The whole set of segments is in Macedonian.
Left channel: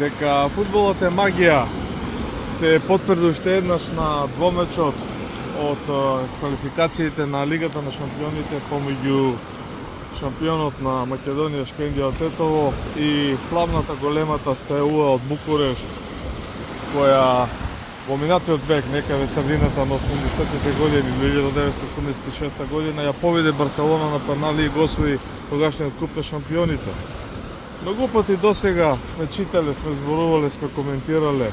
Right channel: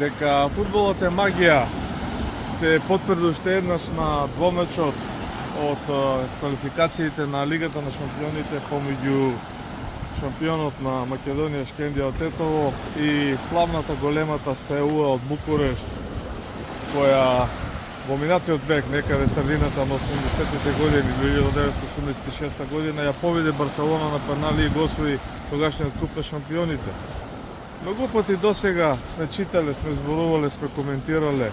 дека фудбалот е магија се потврди уште еднаш на двомечот од квалификациите на Лигата на шампионите помеѓу шампионот на Македонија Шкендија Тетово и славната големата Стеуа од Букурешт, која во минатиот век, некаде средината на 80-тите години, 1986 година, ја победи Барселона на пенали и го освои тогашниот куп на шампионите. Многу пати досега сме читале, сме зборувале, сме коментирале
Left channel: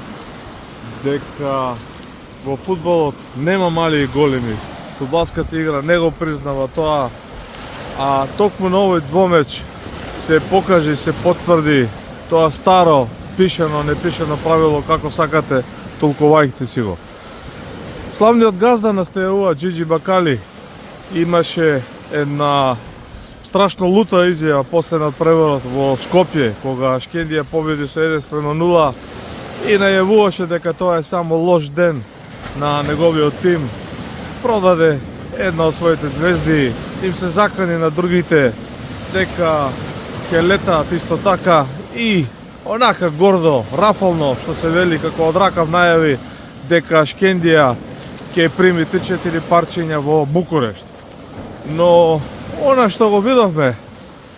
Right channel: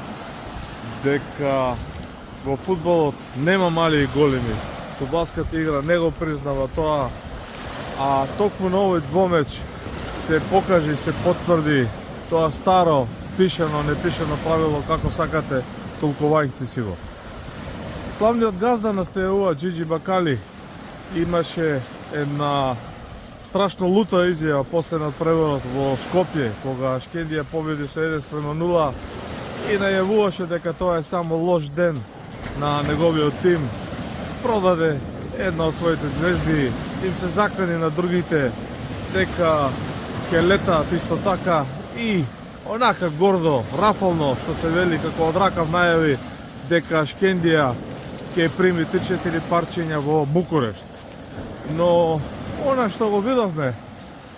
дека во фудбалот нема мали и големи. Фудбалската игра не го признава тоа, а токму на овој двомеч се покажи, се потврди тоа старо, пишено, непишено правило, како сакате, толкувајте си го. Славниот газда на Стеуа, Джиджи Бакали, имаше една страшно лута изјава после надпреварот во Скопје, кога Шкендија победи со 1:0 и најавуваше дека тоа е само лош ден на неговиот тим. Продаде една од своите звезди, им се заклани на другите дека ќе летаат исто така и онака гордо, рафално, што се вели, како од ракав најави дека Шкендија ќе прими 3-4 парчиња во Букурешт. Но она што го видовме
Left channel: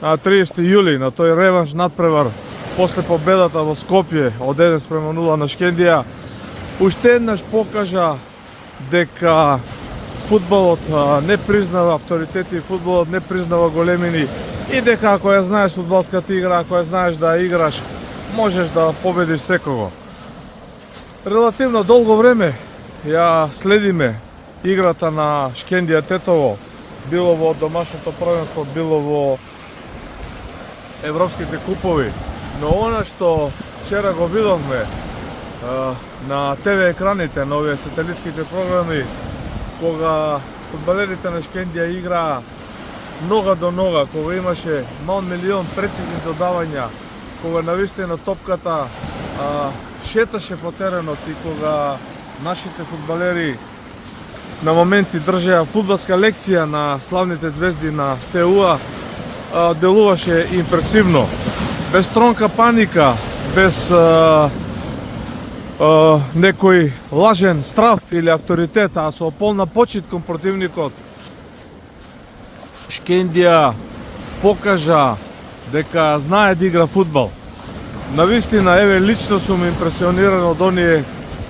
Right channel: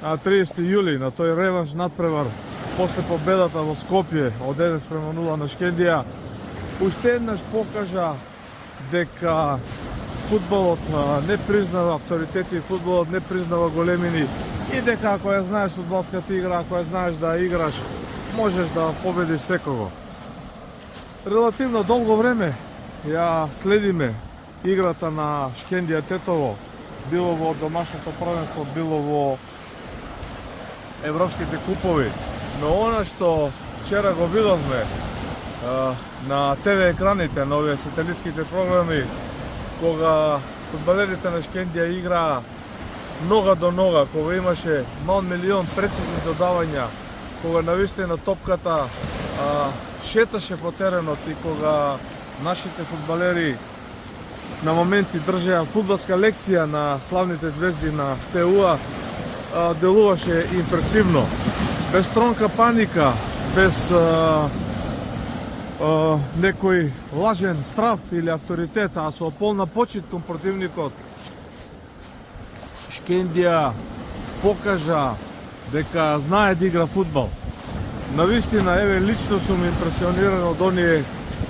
на 30 јули, на тој реванш надпревар после победата во Скопје од 1:0 на Шкендија, уште еднаш покажа дека фудбалот не признава авторитети, фудбалот не признава големини и дека ако ја знаеш фудбалската игра, ако ја знаеш да ја играш, можеш да победиш секого. Релативно долго време ја следиме играта на Шкендија Тетово, било во домашното првенство, било во европските купови. Но она што вчера го видовме на ТВ екраните, на овие сателитските програми, кога фудбалерите на Шкендија играа нога до нога, кога имаше мал милион прецизни додавања, кога навистина топката шеташе по теренот и кога нашите фудбалери на моменти држеа фудбалска лекција на славните звезди на Стеуа, делуваше импресивно. Без тронка паника, без некој лажен страв или авторитет, а со полна почит кон противникот, Шкендија покажа дека знае да игра фудбал. Навистина, еве, лично сум импресиониран од оние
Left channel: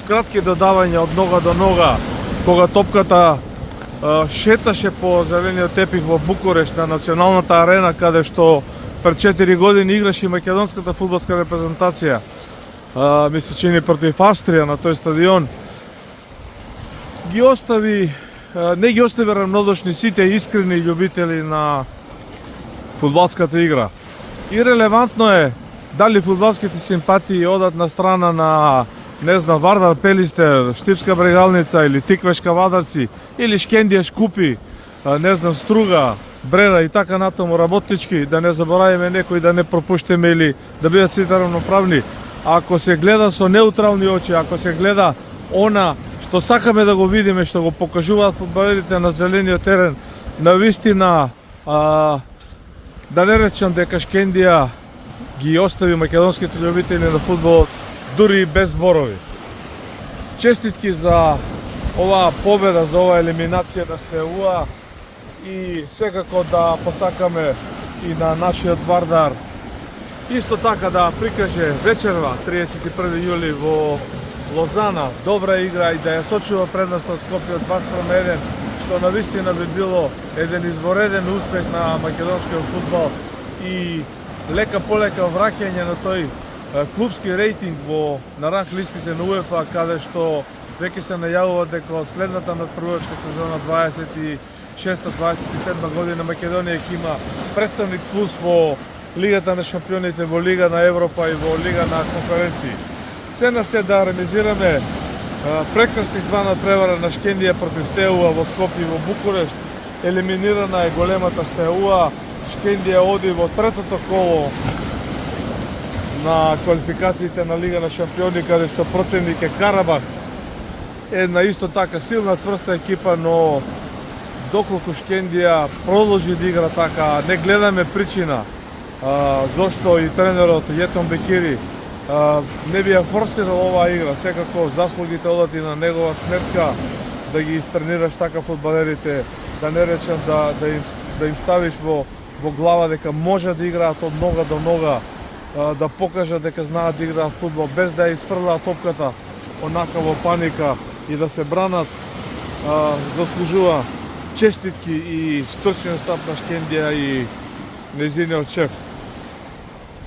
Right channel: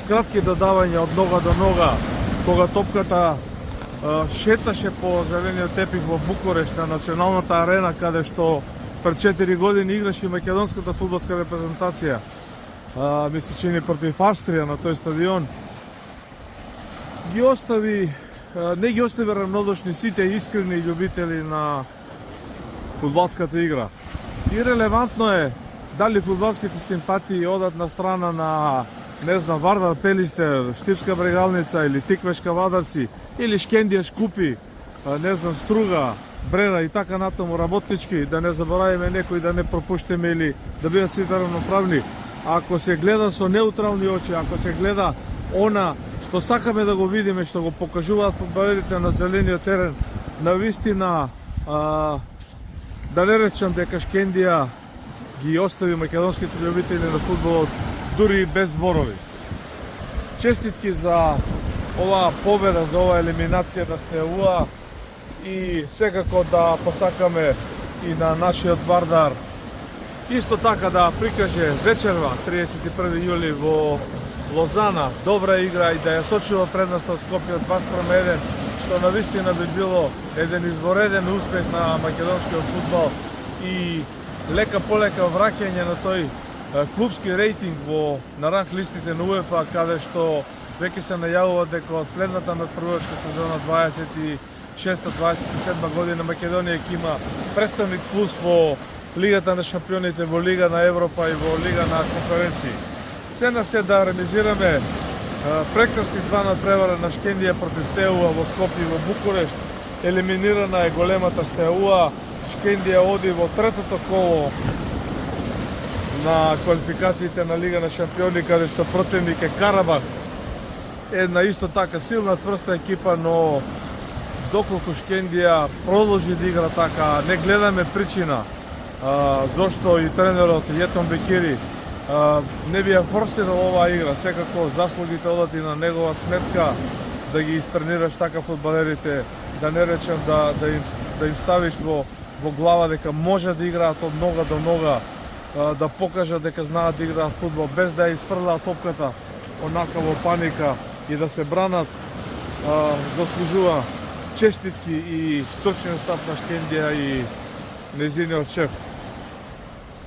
кратки додавања од нога до нога, кога топката шеташе по зелениот тепих во Букурешт на националната арена, каде што пред 4 години играше и македонската фудбалска репрезентација. Ми се чини против Австрија на тој стадион. Не ги остави равнодушни сите искрени љубители на фудбалската игра. И релевантно е дали фудбалските симпатии одат на страна на, не знам, Вардар Пелистер, Штипска Брегалница или Тиквешка Вадарци, или Шкендија Шкупи, не знам, Струга, Брера и така натаму работнички, да не заборавиме некои, да не пропуштиме или да бидат сите равноправни. Ако се гледа со неутрални очи, ако се гледа она што сакаме да го видиме, што го покажуваат фудбалерите на зелениот терен, навистина, да не речам дека Шкендија ги остави македонските љубители на фудбалот дури и без зборови. Честитки за оваа победа, за оваа елиминација на Стеуа и секако да посакаме и на нашиот Вардар исто така да прикаже вечерва 31 јули во Лозана добра игра и да ја сочува предноста од Скопје од 2:1, што навистина би било еден извореден успех на македонскиот фудбал и лека полека враќање на тој клубски рейтинг на ранг листите на УЕФА, каде што веќе се најавува дека од следната надпреварска сезона 26-27 година Македонија ќе има представник плюс во Лигата на шампионите, во Лига на Европа и во Лига на конференции. Се на се да реализираме прекрасни два надпревара на Шкендија против Стеуа во Скопје и во Букурешт. Елиминирана е големата Стеуа. Шкендија оди во третото коло на квалификациите на Лига на шампиони, каде што противник е Карабах. Една исто така силна, тврста екипа, но доколку Шкендија продолжи да игра така, не гледаме причина зошто и тренерот Јетон Бекири не би ја форсирал оваа игра, секако заслугите одат и на негова сметка да ги истренираш така фудбалерите, да не речем да им ставиш во глава дека може да играат од нога до нога, да покажат дека знаат да играат фудбал без да ја изфрлаат топката онака во паника и да се бранат. Заслужува честитки и стрчен старт на Шкендија и незиниот шеф.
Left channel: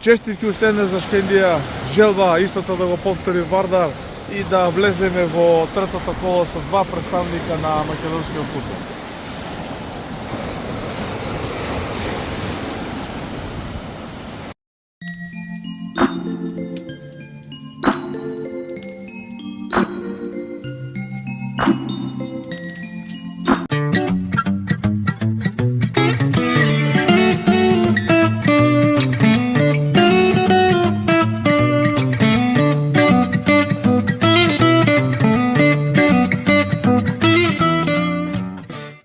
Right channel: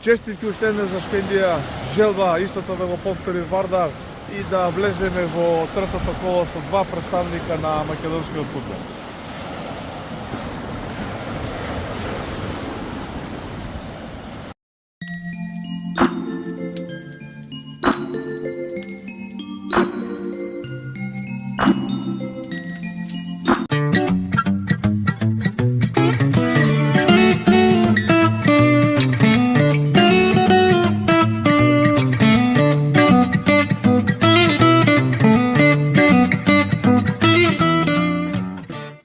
Честитки уште еднаш за Шкендија, желба истото да го повтори Вардар и да влеземе во третото коло со два представника на македонскиот фудбал.